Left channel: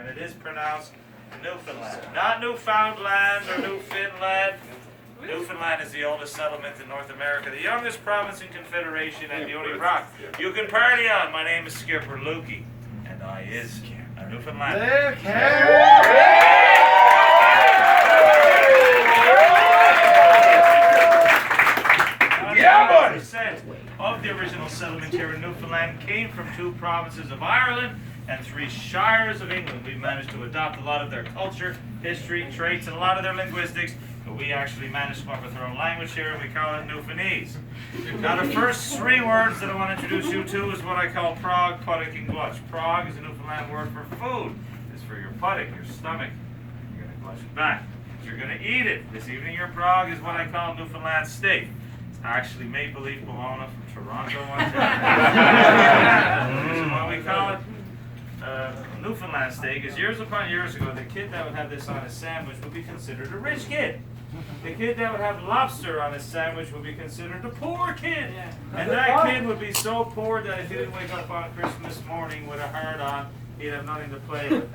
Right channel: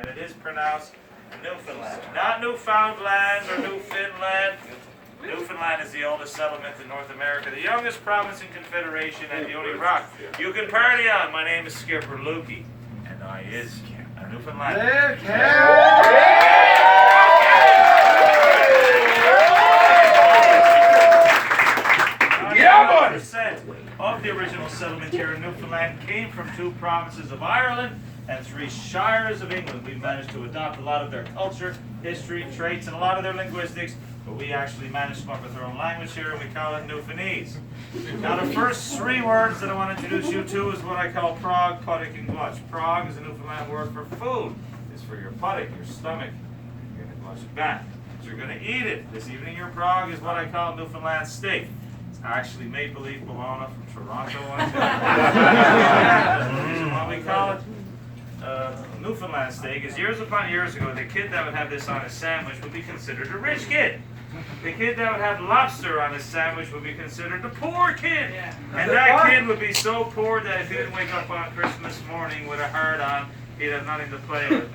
and it is pronounced Newfoundland. Not Newfoundland or Newfoundland. Newfoundland is the oldest settlement in North America, the youngest province in Confederation, and the only rock you can party on. My name is Skipper Lukey, and I is a Newfoundlander. Of the original settlement here in Newfoundland came from 2 provinces of Ireland and 3 shires of England. We've managed to adopt a lot of their culture, history, traits, and a lot of their linguistics, but we actually managed to come up with our own language here, and we call it Newfoundlandese. Now the first 3 words that I want to introduce you to is what I call prog, puddock, and glutch. Prog is a Newfoundland word for food. It's for your puddock, your stomach. You're going to glutch it back. You're going to eat it. This evening your prog is what I call Newfoundland steak. Actually Maple Leaf Bologna from Toronto, Ontario. The reason why we call it Newfoundland steak is years upon years ago, the kid that would have this on his sandwich would be considered a rich kid. The kid that would have lobster on his sandwich would be considered a poor kid. And that kid would be so poor that if he didn't wake up on Christmas morning with a heart on, he'd have nothing to play with.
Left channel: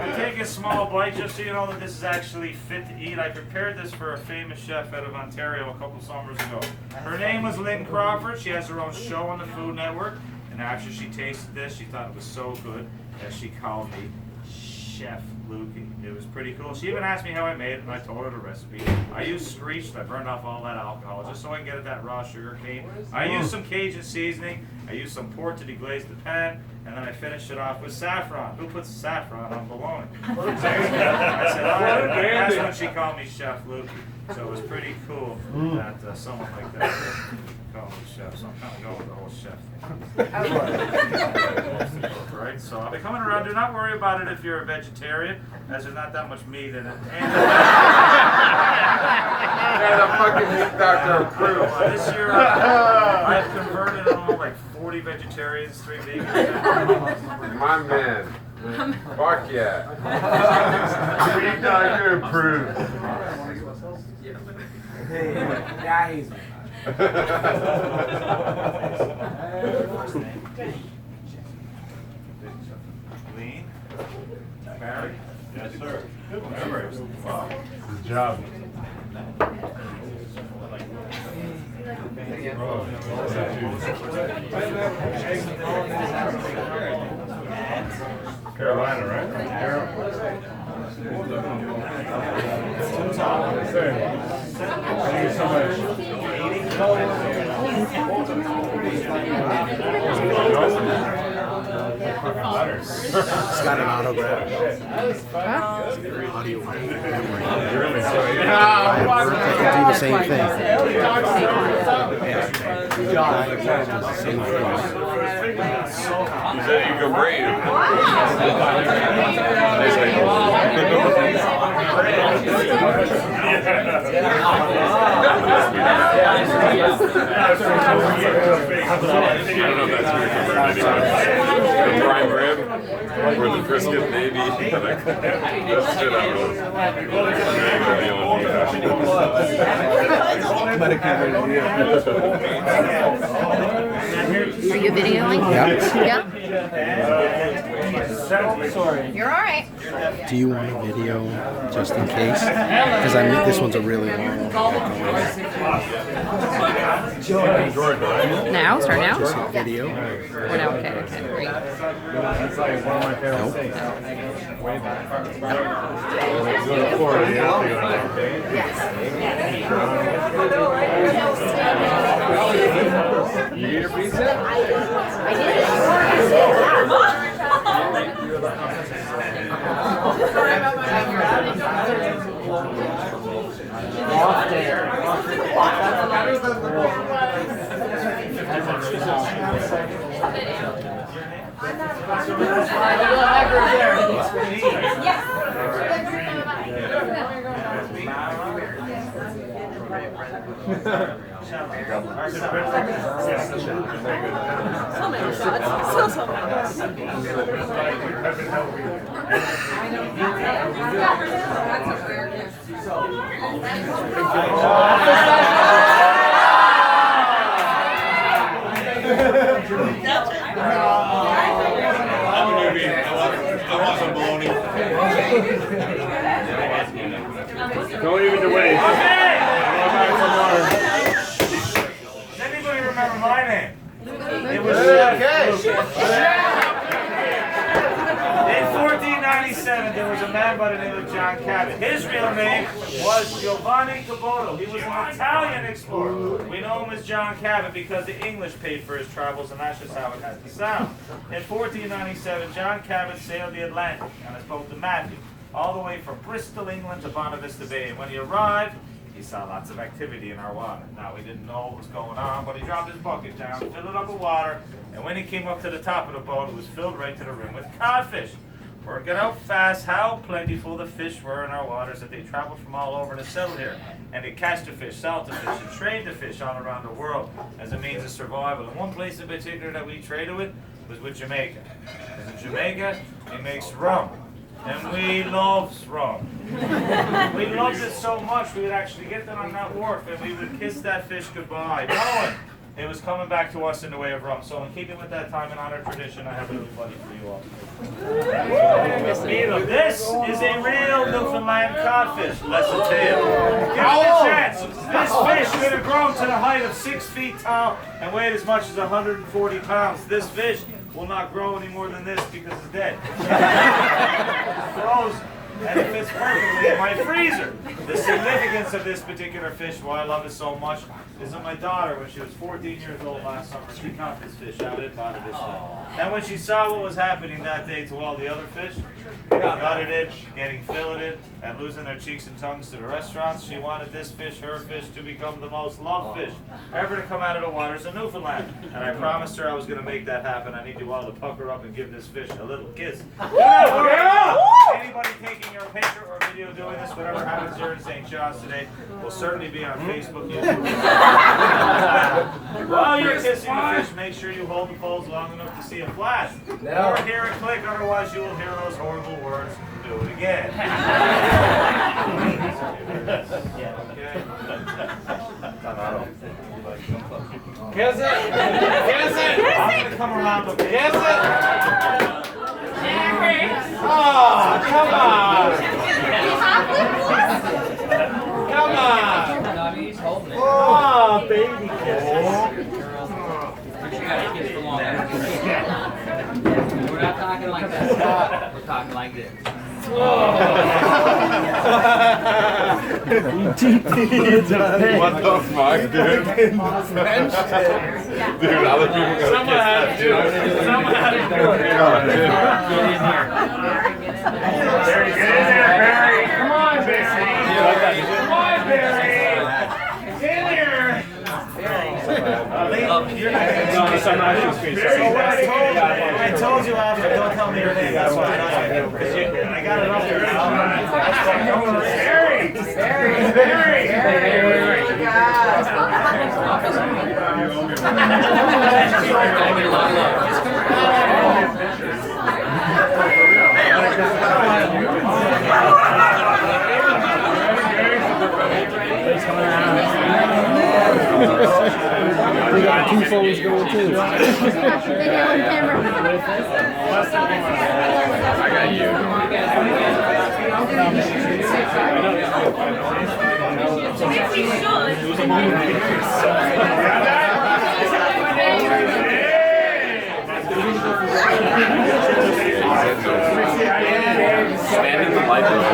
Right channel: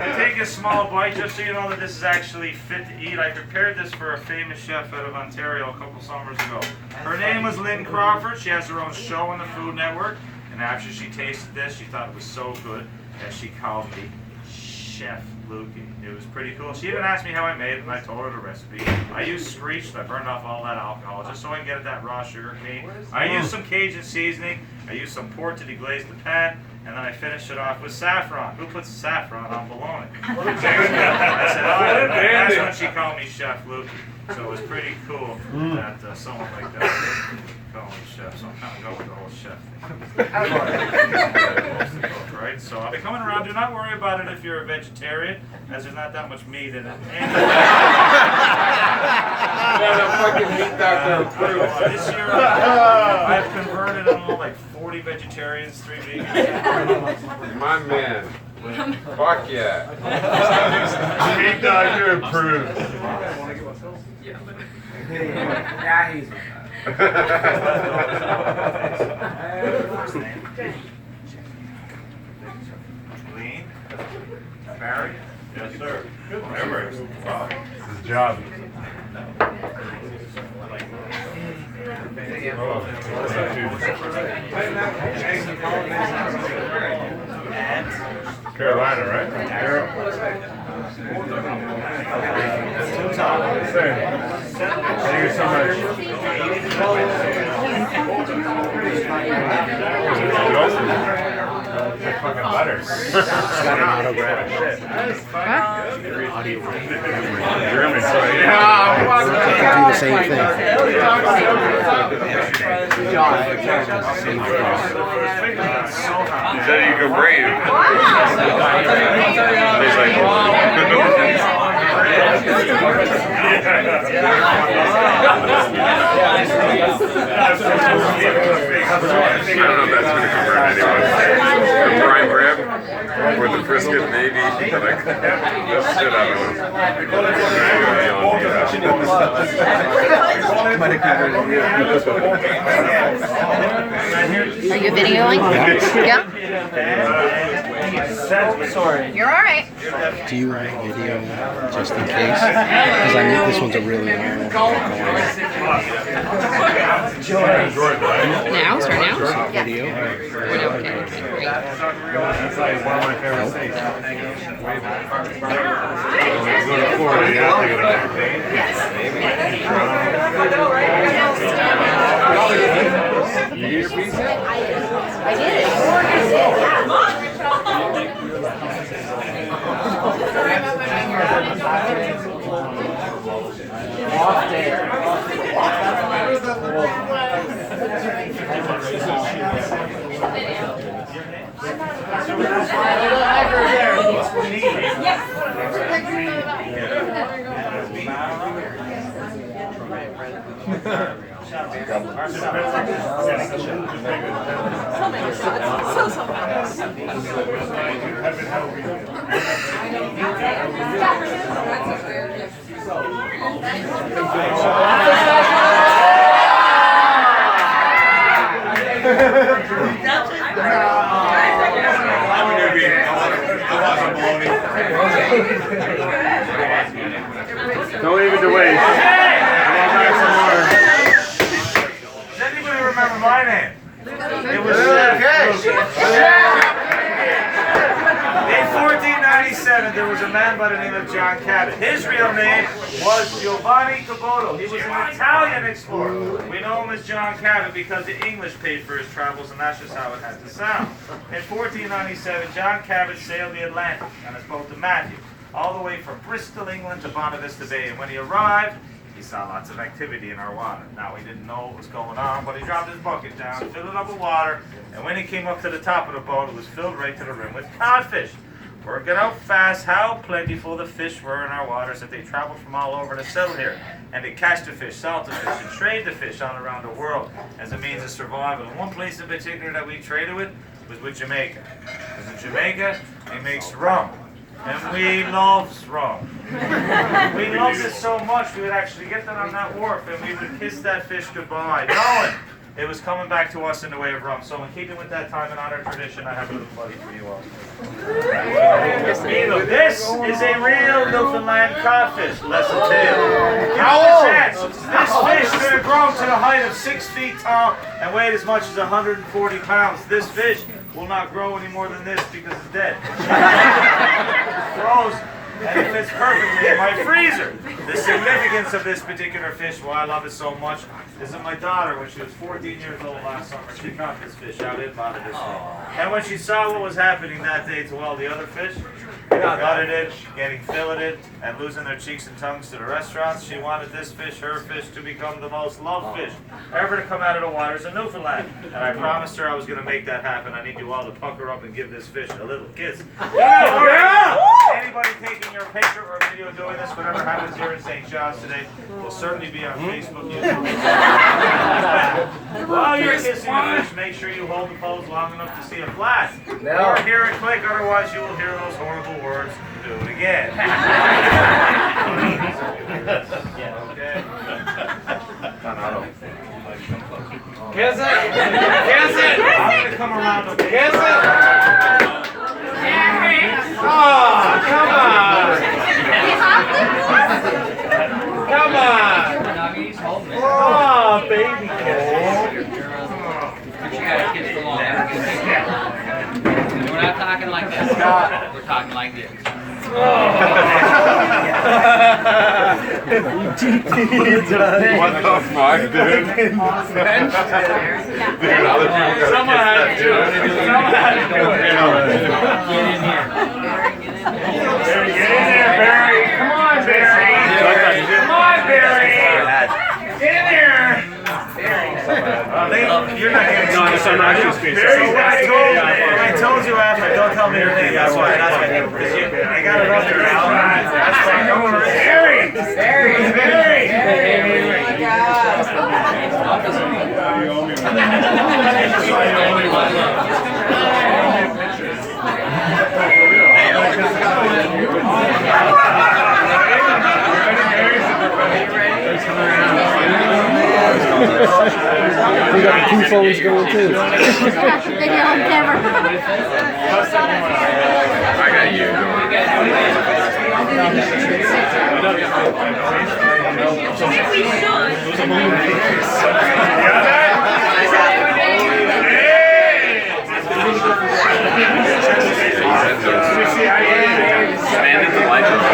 I take a small bite just so you know that this is actually fit to eat. I prepared this for a famous chef out of Ontario a couple summers ago. Her name was Lynn Crawford. She has her own show on the Food Network. And after she tasted this, she thought it was so good that she called me Chef Lukey. It was pretty cool. She even asked me how I made it, and I told her the recipe. I used screeched. I burned off all that alcohol just so I can get at that raw sugar cane. I used some Cajun seasoning. I used some pork to deglaze the pan, and then I finished it off with saffron. Who puts saffron on bologna? I said, oh, and that's when she called me Chef Lukey. So it was pretty cool that someone like that called me chef. So I'm kind of going with the whole chef thing. Right? So I'll be coming around. Do not worry about it if you're a vegetarian, as there's not that much meat in it. And this year I've converted like 40 vegetarians, 3 vegans. My man. Fuck yeah. Meat doctor approved. Yeah, he's Lean. Barry? Yes, sir. Good memory. Wow. His job. Carolina, right? Thank you so much. Fucking butter. She's got an autograph. Audio German. I can do the same thing. He said you go brave. I don't know if that's going to convert anyone. The prime rib or the brisket, maybe. Like, that's shit out of it. Are you videoing? Yeah. You're all right. Do you want a video just in case? Because I mean, this one's a really long one. Now? Start now? Just a video. Okay, great. That's like one of my favorite states. Way back. When you go to Florida, you have to go to Vegas. You get your pizza? I did. Yeah. Don't leave it to waste. Does anybody remember my name? It was Chef Luke. In 1497, there was a man by the name of John Cabot. His real name was Giovanni Caboto. He was an Italian explorer. We know him as John Cabot because the English paid for his travels, and that's just how it had to sound. In 1497, John Cabot sailed the Atlantic on his boat the Matthew, all the way from Bristol, England to Bonavista Bay. And when he arrived, he saw lots of activity in our water. Now, he didn't know what was going on, but he dropped his bucket down, filled it up with water, and when he came up to the top of the boat, it was filled right to the rim with codfish. Work it out fast how plentiful the fish were in our waters that they traveled from all over to settle here. And they catch the fish, salt the fish, and trade the fish all around the world as a means of survival. And one place in particular that we traded with was with Jamaica. Because in Jamaica, he makes rum. And we loves rum. We loved it so much we would actually get them on that wharf and we would kiss that fish goodbye, knowing it was coming back to us in the way of rum. So in keeping with that time and honor tradition, I have a little buddy for you all. This is a real Newfoundland codfish. Lesson to you. Give it a chance. This fish could have grown to the height of 6 feet tall and weighed as much as 140 pounds. This fish will not grow any more than this because it's dead. It's frozen. And it fits perfectly in my freezer. The significance of this particular fish, why I love it so much, is that my daughter, when she was 14 years old last summer, she caught this fish out in Bonavista. And when she saw what was happening that day to all the other fish, gutted it, getting filleted, and losing their cheeks and tongues to the restaurants, she wanted this fish, her fish, to become the most loved fish ever to come out of the waters of Newfoundland. And I promised her I was going to make that happen. I need you all to pucker up and give this fish a little kiss. Anybody taking your picture or video doing this, whatever happens here in St. John's today, will certainly be on Facebook, YouTube. While you're kissing the fish, make sure you hold the pose long enough to see a flash. Or hear it click, otherwise you will hear those horrible words. Do it again. Okay. Kiss it! Kiss it! I'm gonna come around. Okay? Kiss it! Oh, come on! Come on! Oh, baby kiss. We're not talking like this. We're talking like this. What the fuck, dude? Dude, other people Someone had to do it. Someone had to do it. Get in there, Barry. Come on, Barry. Come on, Barry. Get in there. You're not getting No, it's on actual screen. So when I told you after, don't tell me your name. That's why. I got it up there now. That's why. Don't worry. Barry. We got the two phones going too. I got you. Stand in the light of the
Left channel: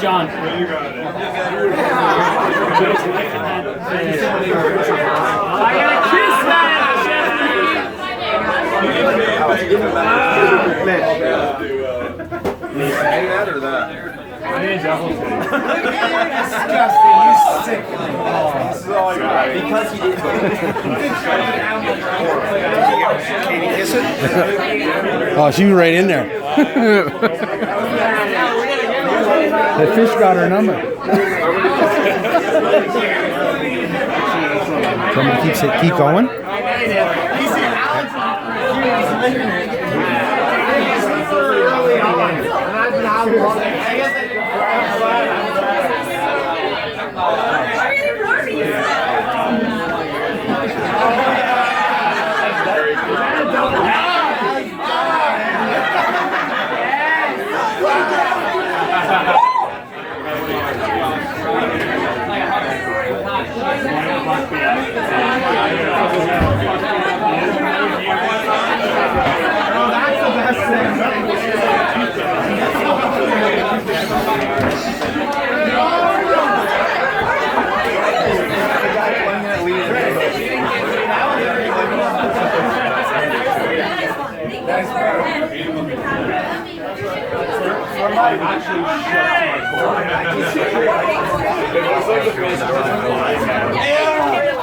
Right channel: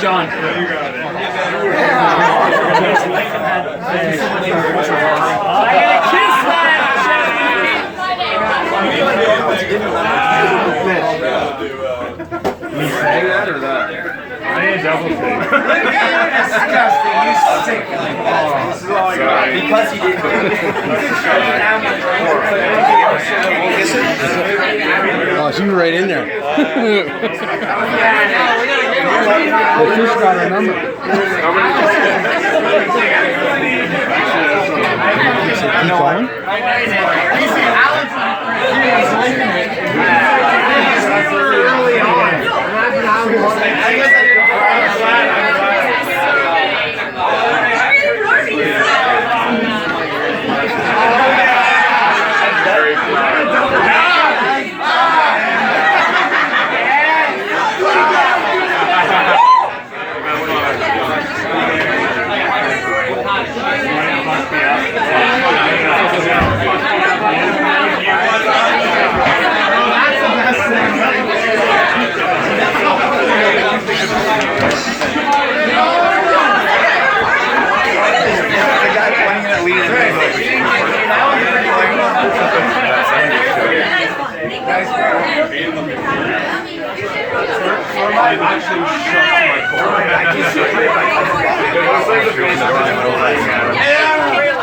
John. I gotta kiss that! I need a double take. Disgusting, you sick. Because he didn't Oh, she was right in there. The fish got her number. Keep going.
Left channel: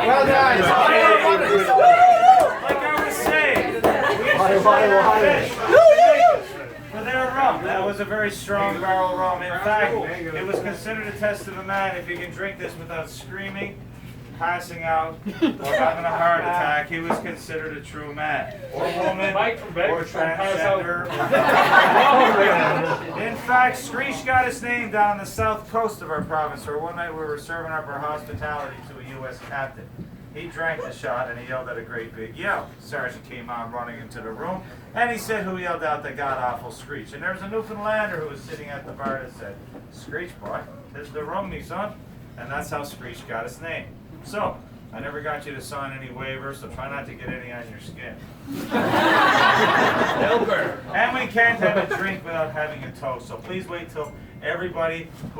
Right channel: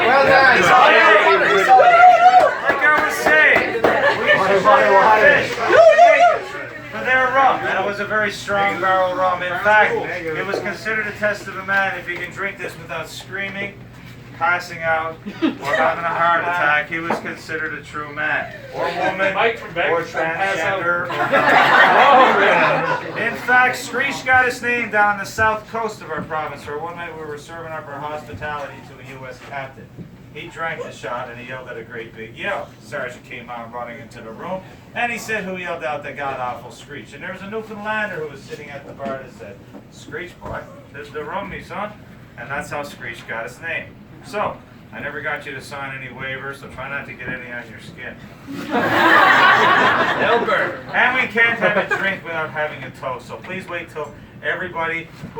Well done. Like I was saying, we fish for their rum. That was a very strong barrel rum. In fact, it was considered a test of a man if he can drink this without screaming, passing out, or having a heart attack. He was considered a true man, or woman, or transgender. In fact, Screech got his name down the south coast of our province, where one night we were serving up our hospitality to a U.S. captain. He drank the shot and he yelled at a great big yell. Sergeant came on running into the room and he said, "Who yelled out the god awful Screech?" And there was a Newfoundlander who was sitting at the bar that said, "Screech, boy, this is the rum, me son." And that's how Screech got his name. So, I never got you to sign any waivers, so try not to get any on your skin. And we can't have a drink without having a toast, so please wait till everybody